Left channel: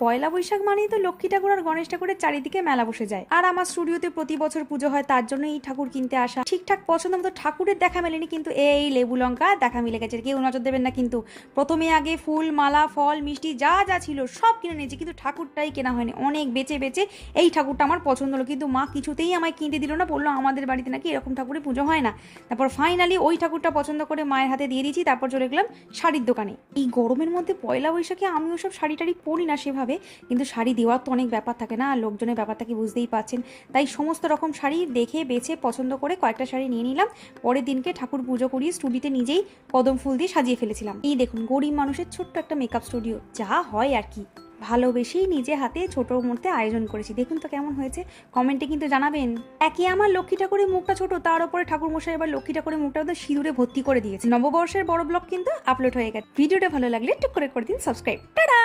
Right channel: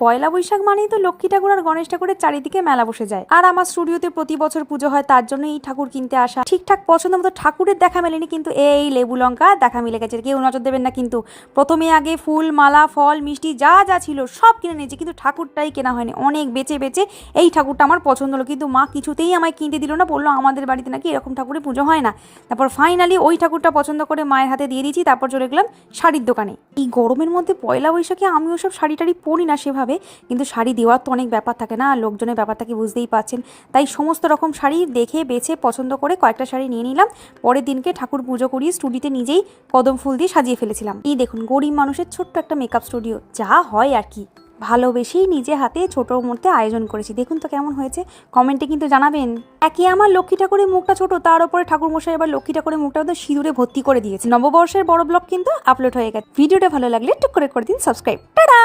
পয়লা বৈশাখ মানেই তো লক্ষ্মী ঠাকুর আর গণেশ ঠাকুরের চারিদিকে মেলা বসে যায়। আর আমার স্টুডিওতে প্রতি বছর পুজো হয়, তার জন্য এই ঠাকুর কিনতে আসা। ঠিকঠাক পছন্দ মতো ঠাকুরের দেখা মেলেনি, কিন্তু এই লেবু লঙ্কা দেখা মিলে গেছে। কেউ নজর দেবেন না কিন্তু। প্রথমে আগে ফুল, মালা, ফল, মিষ্টি যা যা ছিল সব কিনে নিয়েছি, কিন্তু ঠাকুরটাই কেনা হয়নি। অনেক বেচে বেচে এই ঠাকুরটা আমার পছন্দ হলো, কিন্তু মা কিছুতেই আমায় কিনতে দিল না। বললো আমাদের বাড়িতে নাকি এরকম ঠাকুরের পুজো হয় না। তারপর ফাইনালি ওই ঠাকুরটা পছন্দ করে মায়ের হাতে দিয়ে দিয়েছি। তারপর চলে গেলাম শাড়ির দোকানে। এই গরমের মধ্যে পয়লা বৈশাখে আমি ওসব শাড়ি টাড়ি পরি না সেভাবে, কিন্তু শাড়ি দেওয়ার তো অনেক ব্যাপার থাকে না, লোকজনের ব্যাপারটাকে বুঝতেই পারছেন। তাই সমস্ত রকম শাড়ি দেখে বেছে পছন্দ করে কয়েকটা শাড়ি নিয়ে নিলাম। পরের দিনকে ঠাকুর পুজো করিয়ে স্টুডিওতে নিজেই কদম ফুল দিয়ে সাজিয়ে ফেলেছিলাম। এই দেখুন, গরিব মানুষের ছোট্ট একটা মেকআপ স্টুডিও, যা হয় আর কি। ভালোবেসেই নিজে হাতে ছোটো মধ্যে আয়োজন করেছি। দেখুন তো কেমন হয়েছে, কমেন্টে কিন্তু জানাবেন। একই আমার লক্ষ্মী ঠাকুরের মুখটা ছোট, তার উপরে ঠাকুর মশাই এবার লক্ষ্মী ঠাকুরের মুখটা সিঁদুরে ভর্তি করে দিয়েছে। নববর্ষের বড় ব্লগ কিন্তু আপলোড হয়ে গেছে। ভিডিওটা ভালো লাগলে টুক করে দিন সাবস্ক্রাইব। টাটা।